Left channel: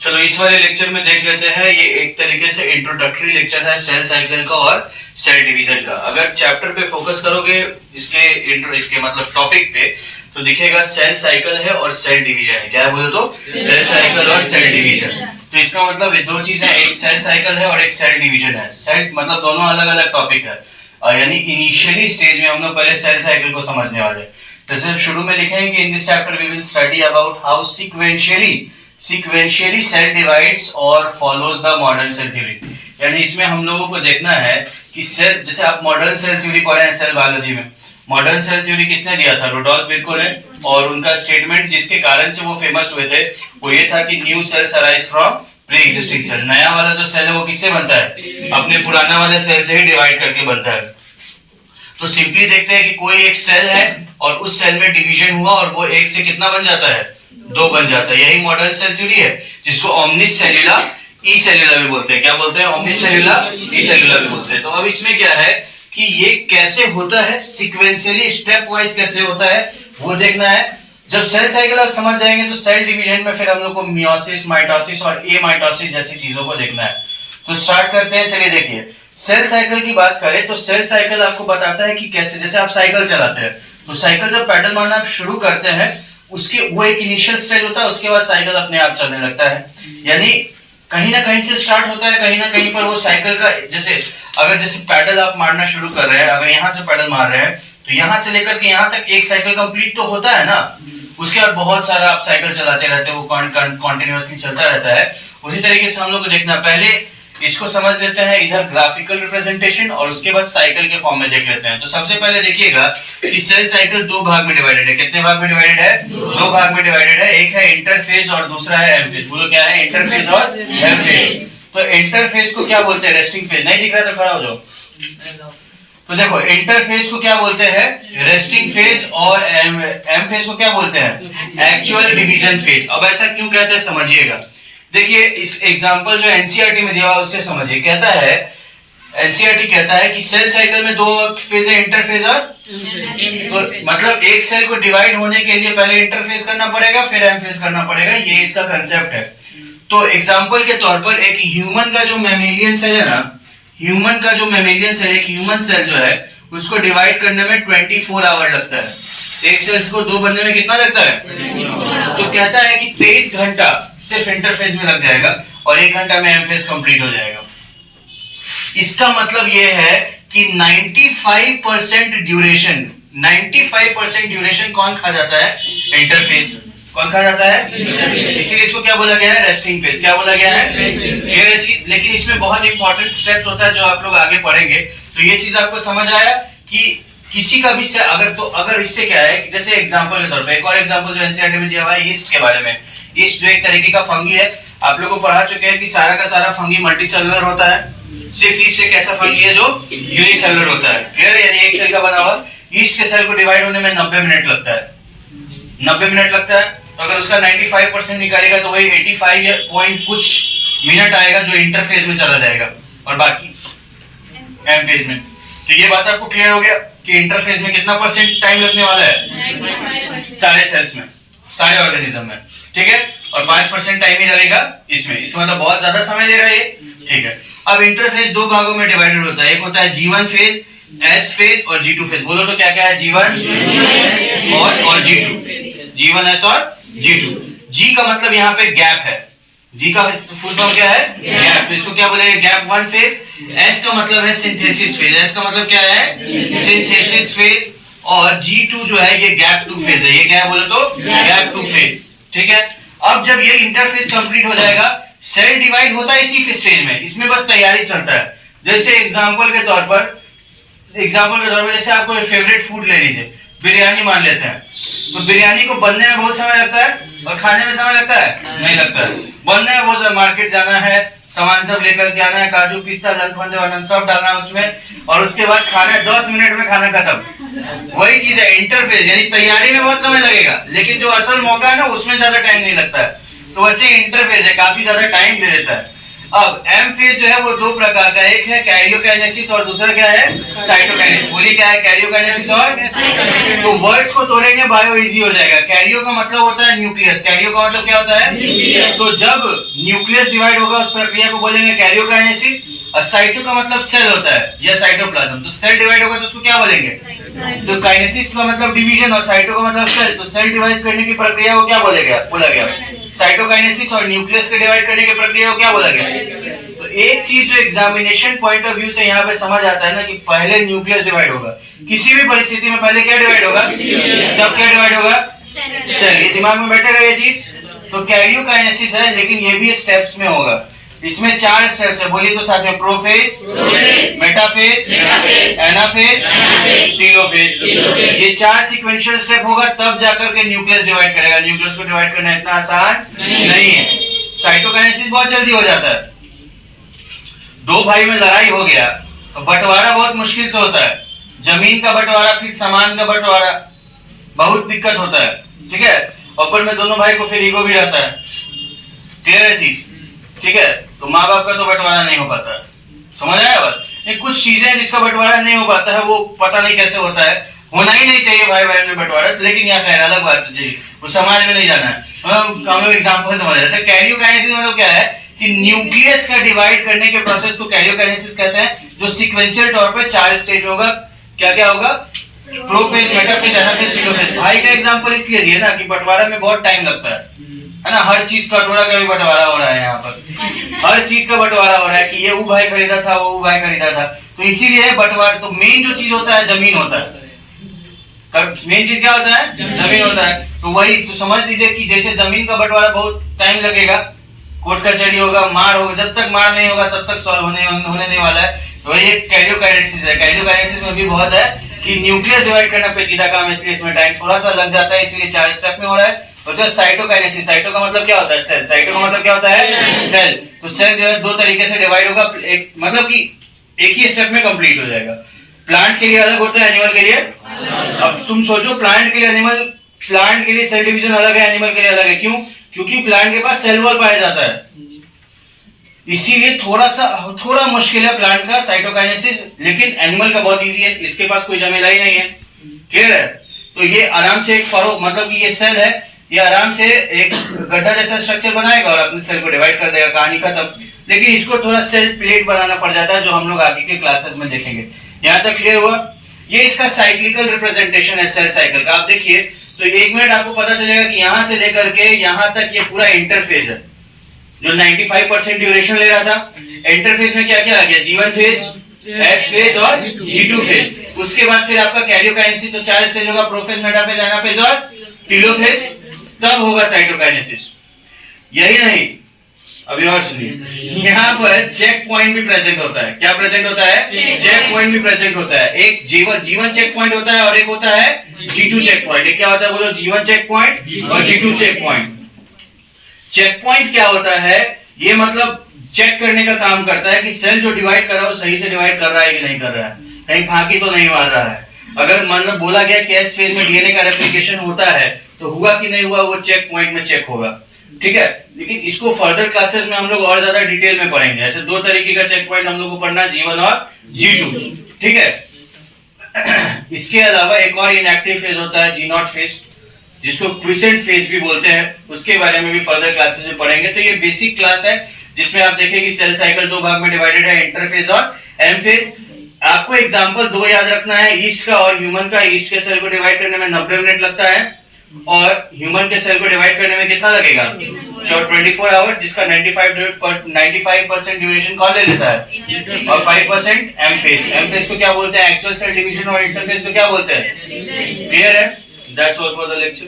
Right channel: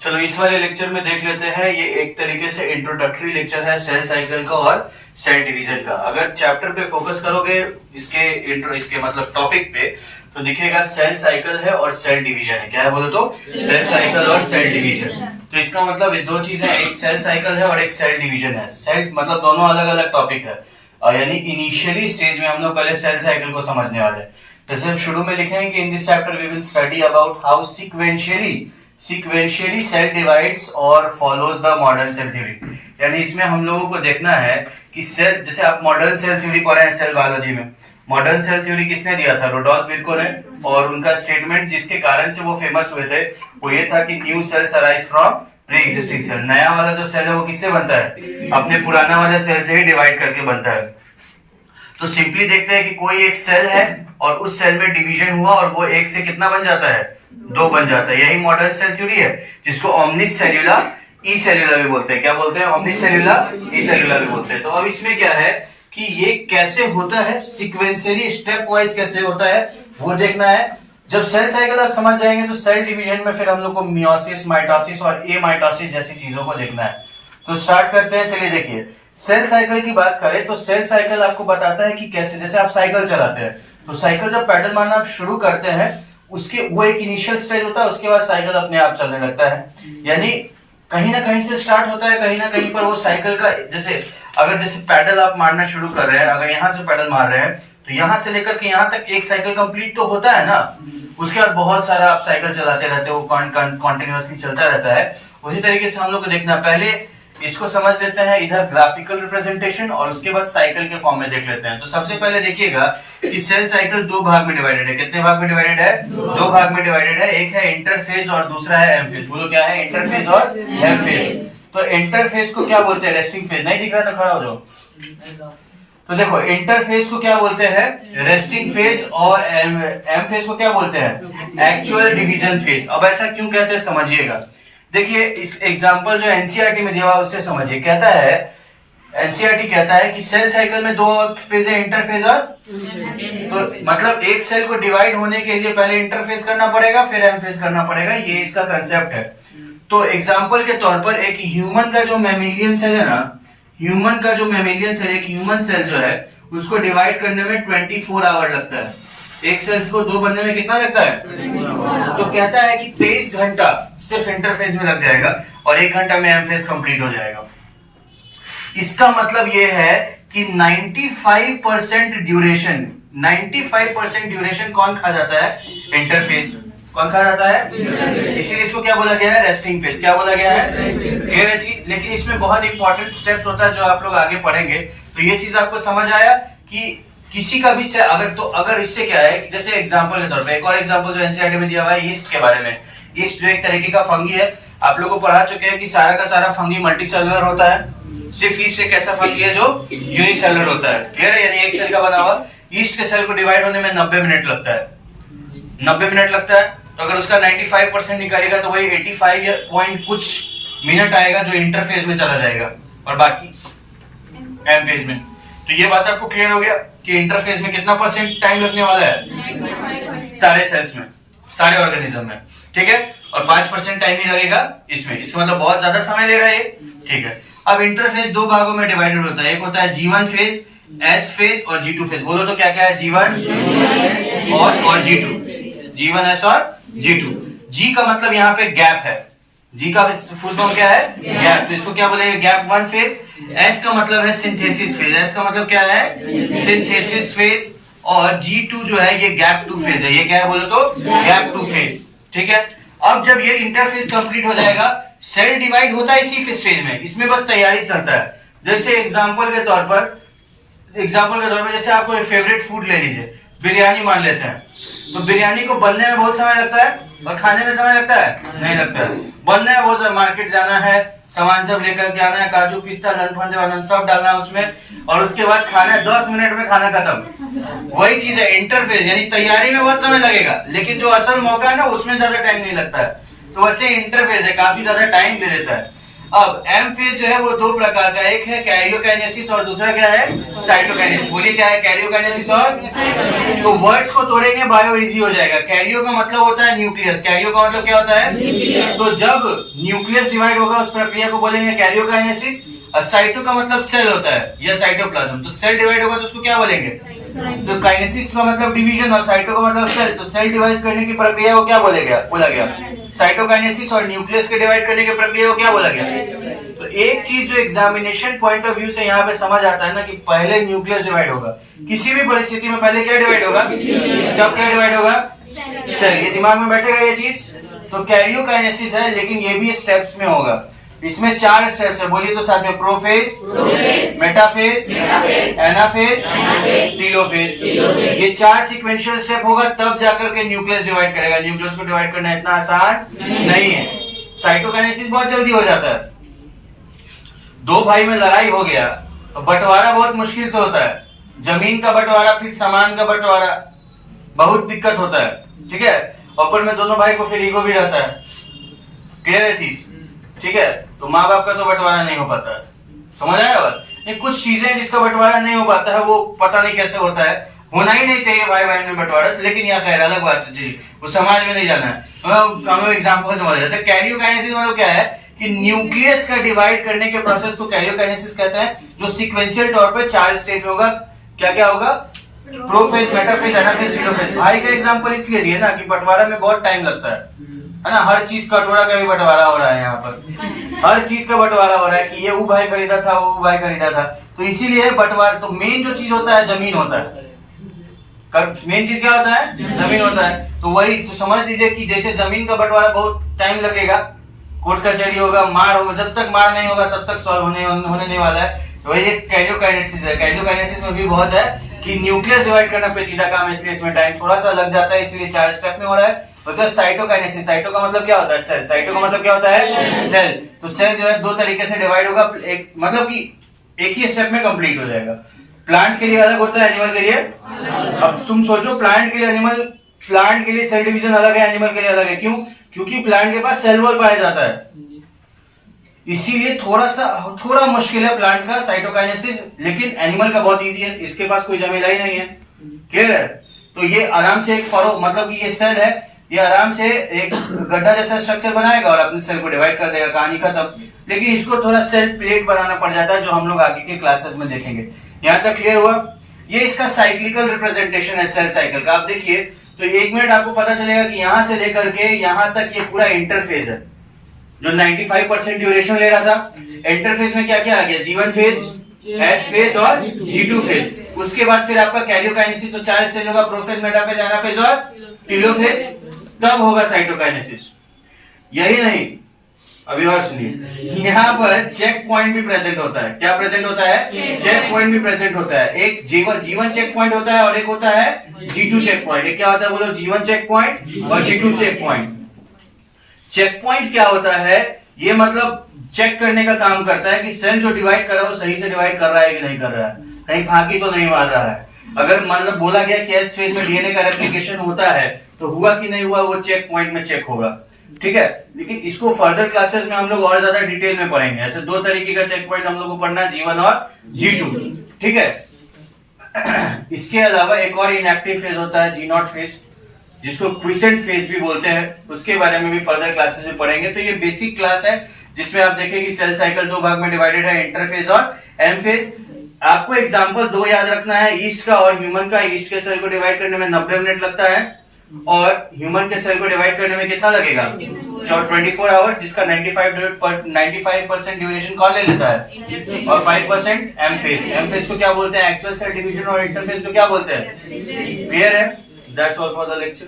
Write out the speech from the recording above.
चलो इस वाले लेक्चर में देख लेते हैं, ये एक तरीके से इंट्रोडक्टरी लेक्चर है सेल साइकिल का और सेल डिवीजन का। अगर चैप्टर पे फोकस करोगे इसके मतलब टॉपिक पे, तो दिखेगा सेल साइकिल है और सेल डिवीजन है। क्या है बोलो तो? सेल साइकिल और सेल डिवीजन। तो इसका मतलब ये दो चीजें, एक सेल साइकिल है और एक सेल डिवीजन है। सेल मतलब दोनों अलग अलग टॉपिक है, यानी इनिशियली स्टेज में हम लोग पहले सेल साइकिल को समझने वाले हैं। तो सिर्फ शुरू में लिखेंगे कि in this chapter we will study about how sequentially cell divides और follows the modern cell theory. यानी इसमें हम लोगों को देखना है कि सेल, जैसे आप मॉडर्न सेल थ्योरी पढ़े हैं सेल बायोलॉजी में, मॉडर्न सेल थ्योरी किसने दिया था? रुडोल्फ विर्को ने। और उनका स्टेटमेंट जिसके कारण से वो फेमस हुए थे वो ये था कि new cells arise from pre existing cell. नया वाला जो सेल है वो किससे बनता है? अपने पुराना वाले सेल से ही डिवाइड करके बनता है। तो सिंपली देखते हैं कि कोई एक सेल है और उस सेल में डिवीजन हुआ और वो एक से कितना बन जाता है? दो बन जाता है। यही मॉडर्न सेल थ्योरी है, जिसको ओमनिस सेल्यूला ई सेल्यूला भी बोलते हैं। क्या बोलते हैं? ओमनिस सेल्यूला ई सेल्यूला भी बोलते हैं। तो अब इसमें क्या है कि ये कैसे होता है, सीक्वेंशियली स्टेप वाइज कैसे होता है वो देखना है। जब सेल साइकिल आप समझ जाएंगे तो सेल डिवीजन में फिर हम लोग को मियोसिस, माइटोसिस और एमाइटोसिस जैसी चीजों को देखना है। तो स्टार्ट करते हैं। चलिए देखिए, सेल साइकिल की बात करें तो सेल साइकिल आपको बताता है कि कैसे, जैसे आप साइकिल चलाते हैं तो साइकिल जब पैडल मारना आप शुरू करते हैं उसके वो एक इनिशियल स्टेज होता है, उसके बाद साइकिल अपने आप चलने लगता है। यानी कहीं ना कहीं से स्टार्ट होता है, कहीं ना कहीं पर वो साइकिल का, जैसे पैडल आप मारना शुरू कर रहे हैं, अगर यहाँ से पैडल मार रहे हैं तो यहाँ से लेकर के यहाँ तक एक साइकिल कंप्लीट तो होता है ना। उसके बाद बहुत सारा आप साइकिल चलाते रहते हो, कॉन्टिन्यूअसली चलता रहता है। उसी तरीके से हम लोग को देखना, पहले इसको समझ लेते हैं इधर ग्राफिकल रिप्रेजेंटेशन और उसके बाद साइकिल के फॉर्म में देख लेते हैं। तो सबसे पहले देखिएगा कि सेल साइकिल दो भाग में डिवाइडेड है। कितने भाग में डिवाइडेड है? दो भाग में डिवाइडेड है। एक है इंटरफेज और दूसरा है एम फेज। बोलो क्या है? इंटरफेज और एम फेज। तो इंटरफेज को क्या बोलते हैं? Resting phase. नहीं दिख रहा तो खड़ा हो जाओ। तो देखो, इंटरफेज को क्या बोलते हैं? Resting phase. और एम फेज को क्या बोलते हैं? Actual division phase. अब ऐसा क्यों कहते हैं समझिएगा। देखिए इस एग्जांपल जो एनसीईआरटी में दिया हुआ उससे समझिए। कहता है, एनसीईआरटी कहता है कि सेल साइकिल में दो फेज है, इंटरफेज और तो मतलब एक सेल को डिवाइड होने के लिए पहले इंटरफेज करना पड़ेगा फिर एम फेज करना पड़ेगा। ये इसका कंसेप्ट है। तो एग्जांपल के तौर पर एक ह्यूमन का जो मैमेलियन सेल है ना, ह्यूमन का जो मैमेलियन सेल, एक ह्यूमन सेल जो है उसको डिवाइड करने में 24 आवर लगता है। एक सेल्स को दो बनने में कितना लगता है? तो कहता है कि 23 घंटा सिर्फ इंटरफेज में लग जाएगा और 1 घंटा में एम फेज कंप्लीट हो जाएगा। इसका मतलब यह है कि 95% ड्यूरेशन कौन खा जाता है? इंटरफेज। कौन खा जाता है? इसीलिए इसको क्या बोला गया है? Resting phase. क्या बोला गया है? ये चीज, लेकिन इसमें बहुत इंपॉर्टेंट स्टेप्स होता है जो आप लोग आगे पढ़ेंगे। तो ये चीज आपको समझ आया कि किसी का भी से अगर इससे क्या है, जैसे एग्जांपल के तौर पे एक और एग्जांपल जो एनसीईआरटी में दिया हुआ है ईस्ट के बारे में। ईस्ट जो एक तरीके का फंगी है, आप लोगों को पढ़ा चुके हैं कि सारा का सारा फंगी मल्टीसेलुलर होता है। सिर्फ ईस्ट एक ऐसा फंगी है जो यूनिसेलुलर होता है। क्लियर है? यानी एक सेल का बना हुआ। ईस्ट के सेल को डिवाइड होने में 90 मिनट लगता है। 90 मिनट लगता है। तो अगर उसका 95% निकालेगा तो वही 85 पॉइंट कुछ मिनट आएगा जो इंटरफेज में चला जाएगा और बाकी एम फेज में। तो ये बात आपको क्लियर हो गया कि इंटरफेज में कितना % टाइम लगने वाला है? सारे सेल्स में, सारे ऑर्गेनिज्म में। ठीक है? और 5% टाइम ही लगेगा इसमें। इसका मतलब बहुत ज्यादा समय लेगा ये। ठीक है? अब इंटरफेज दो भागों में डिवाइडेड होता है। एक होता है G1 फेज, S फेज और G2 फेज। बोलो तो क्या क्या है? G1 और G2। G1, S और G2। G का मतलब यहाँ पे गैप है। G का फुल फॉर्म क्या है? गैप। तो इसको क्या बोलेंगे? Gap 1 phase. S का मतलब है सिंथेसिस फेज। S का मतलब क्या है? Synthesis phase. और G2 जो है ये गैप 2 फेज है। ये क्या है बोलो तो? Gap 2 phase. ठीक है? अब जब ये इंटरफेज कंप्लीट हो जाएगा, सेल डिवाइड होता है इसी स्टेज में। इसमें बस तैयारी चलता है। जैसे एग्जांपल के तौर पर जैसे आपको फेवरेट फूड ले लीजिए, बिरयानी मान लेते हैं। तो बिरयानी को बनने में बहुत समय लगता है और खाने में समय लगता है? नहीं लगता है। बनने में बहुत, मार्केट जाना है, सामान सब लेकर के आना है, काजू पिस्ता लंफंदे वालन सब डालना है उसमें, और उसके बाद खाना है, 10 मिनट में खाना खत्म। वही चीज है इंटरफेज। यानी तैयारी में बहुत समय लगेगा लेकिन जो असल मौका है ना उसमें ज्यादा टाइम नहीं लगता है। तो वैसे इंटरफेज है, काफी ज्यादा टाइम ले लेता है। अब एम फेज जो है वो दो प्रकार का, एक है कैरियोकाइनेसिस और दूसरा क्या है साइटोकाइनेसिस। बोलिए क्या है कैरियोकाइनेसिस और तो वर्ड्स को तोड़ेंगे बायो इजी हो जाएगा। कैरियो का मतलब होता है न्यूक्लियस, कैरियो का मतलब क्या होता है तो जब न्यूक्लियस डिवाइड होगा उस प्रक्रिया को बोलेंगे कैरियोकाइनेसिस। और साइटो का मतलब सेल होता है या साइटोप्लाज्म, तो सेल डिवाइड होगा तो उसको क्या बोलेंगे तो काइनेसिस का मतलब डिवीजन और साइटो का मतलब सेल, तो सेल डिवाइड करने की प्रक्रिया को क्या बोला गया साइटोकाइनेसिस। और न्यूक्लियस के डिवाइड करने की प्रक्रिया को क्या बोला गया। तो एक चीज जो एग्जामिनेशन पॉइंट ऑफ व्यू से यहाँ पे समझ आता है ना कि पहले न्यूक्लियस डिवाइड होगा, किसी भी परिस्थिति में पहले क्या डिवाइड होगा, जब क्या डिवाइड होगा सेल। ये दिमाग में बैठेगा ये चीज। तो कैरियोकाइनेसिस है लेकिन ये भी स्टेप्स में होगा। इसमें 4 स्टेप्स है, बोलिए तो साथ में प्रोफेज, मेटाफेज, एनाफेज, टेलोफेज। ये 4 सीक्वेंशियल स्टेप होगा तब जाकर के न्यूक्लियस डिवाइड करेगा। न्यूक्लियस को डिवाइड करना इतना आसान नहीं है। साइटोकाइनेसिस बहुत जल्दी हो जाता है। दो भाई में लड़ाई हो गया तो बंटवारा बहुत मुश्किल से होता है। जमीन का बंटवारा, फिर सामान का बंटवारा, बहुत दिक्कत होता है। ठीक है, ऊपर में दोनों भाई को फिर ईगो भी रहता है। क्लियर है चीज, ठीक है। तो माँ बाप का तो बंटवारा नहीं हो पाता है, समझ आया बात। कुछ चीजें जिसका बंटवारा नहीं हो पाता है वो पता नहीं कैसे होता है, होना ही नहीं चाहिए भाई बहन में बंटवारा, लेकिन यहाँ खैर अलग बात है जी, वो समाज में नहीं जाना है। हम लोग एग्जाम्पल समझ रहे थे। कैरियोकाइनेसिस मतलब क्या है कि न्यूक्लियस का डिवाइड करने के प्रोसेस को कैरियोकाइनेसिस कहते हैं, जो सीक्वेंशियल तौर पे 4 स्टेज में होगा। क्या क्या होगा, प्रोफेज, मेटाफेज, एनाफेज, टेलोफेज। भाई का एग्जांपल इसलिए दिए ना कि बंटवारा में बहुत टाइम लगता है ना। हर चीज कटोरा का भी बंटवारा हो रहा है यहाँ पर, हर चीज का बंटवारा हो रहा है कि ये वो भाई खरीदा था, वो भाई खरीदा था, तो इसीलिए बंटवारा। तो मेन जो चीज होता है जमीन होता है। मेन चीज क्या होता है, जमीन होता है। तो वही तो समझ लीजिए कि जैसे जमीन का बंटवारा बहुत टाइम लगेगा, कोर्ट कचहरी होगा, मार होगा, जब तक मार नहीं होगा तब तक सॉल्व होने नहीं वाला है। तो वही एक कैरियोकाइनेसिस है। कैरियोकाइनेसिस में भी बहुत है कि न्यूक्लियस डिवाइड करना पेचीदा काम, इसलिए इसमें टाइम थोड़ा सा लग जाता है, इसलिए 4 स्टेप में हो रहा है। और साइटोकाइनेसिस, साइटो का मतलब क्या होता है सेल, साइटो का मतलब क्या होता है सेल। तो सेल जो है 2 तरीके से डिवाइड होगा, एक मतलब कि एक ही स्टेप में कंप्लीट हो जाएगा। प्लांट के लिए अलग होता है, एनिमल के लिए अब तुम सोचो, प्लांट के लिए सेल डिवीजन अलग है, एनिमल के लिए अलग है। क्यों? क्योंकि प्लांट के पास सेल वॉल पाया जाता है, इसीलिए थोड़ा मुश्किल है प्लांट का साइटोकाइनेसिस, लेकिन एनिमल का बहुत इजी है, इसके पास कोई झमेला ही नहीं है। क्लियर है? तो ये आराम से एक फरोग, मतलब कि ये सेल है, ये आराम से एक गड्ढा जैसा स्ट्रक्चर बनाएगा और अपने सेल को डिवाइड कर देगा, कहानी खत्म। लेकिन इसको थोड़ा सेल प्लेट बनाना पड़ जाता है, जो हम लोग आगे के क्लासेस में देखेंगे। यहां तक क्लियर हुआ? ये इसका साइक्लिकल रिप्रेजेंटेशन है सेल साइकिल का। आप देखिए तो 1 मिनट आपको पता चलेगा कि यहां से लेकर के यहां तक ये पूरा इंटरफेज है, जो 95% ड्यूरेशन ले रहा था। इंटरफेज में क्या क्या आ गया, G1 फेज, S फेज और G2 फेज। उसके बाद फिर आपका कैरियोकाइनेसिस, तो 4 स्टेज होगा, प्रोफेज, मेटाफेज, एनाफेज और टेलोफेज, तब होगा साइटोकाइनेसिस। यही नहीं, अभी और सुनिए, यहाँ पर चेक पॉइंट भी प्रेजेंट होता है। क्या प्रेजेंट होता है? चेक पॉइंट भी प्रेजेंट होता है। एक G1 चेक पॉइंट होता है और एक होता है G2 चेक पॉइंट। एक क्या होता है बोलो, G1 चेक पॉइंट और G2 check point. Check point क्या होता है, ये मतलब चेक करने का काम करता है कि सेल जो डिवाइड कर रहा है वो सही से डिवाइड कर रहा है कि नहीं कर रहा है, कहीं फांकी तो नहीं मार रहा है। अगर मतलब बोला गया कि एस फेज में डीएनए का रेप्लिकेशन होता है तो हुआ कि नहीं हुआ, वो चेक पॉइंट में चेक होगा। ठीक है, लेकिन इसको फर्दर क्लासेस में हम लोग और ज्यादा डिटेल में पढ़ेंगे। ऐसे 2 तरीके का चेक पॉइंट हम लोग को पढ़ना है, G1 और G2। ठीक है, इसके अलावा एक और इनएक्टिव फेज होता है, G0 फेज, जिसको क्विसेंट फेज भी बोलते हैं, उसके बारे में भी फर्दर क्लासेस में पढ़ेंगे। तो ये बेसिक क्लास है जिसमें आप देखें कि सेल साइकिल 2 भाग में डिवाइडेड है, इंटरफेज और एम फेज। आपको एग्जांपल 2 याद रखना है, ईस्ट का और ह्यूमन का। ईस्ट के सेल को डिवाइड करने में 90 मिनट लगता है और ह्यूमन के सेल को डिवाइड करने में कितना लगेगा, 24 आवर्स, जिसका 95% ड्यूरेशन कौन ले लेता है और 5% एम फेज। एम फेज को क्या बोलते हैं, एक्चुअल सेल डिवीजन, और इंटरफेज को क्या बोलते हैं। क्लियर है? That's all for the lecture.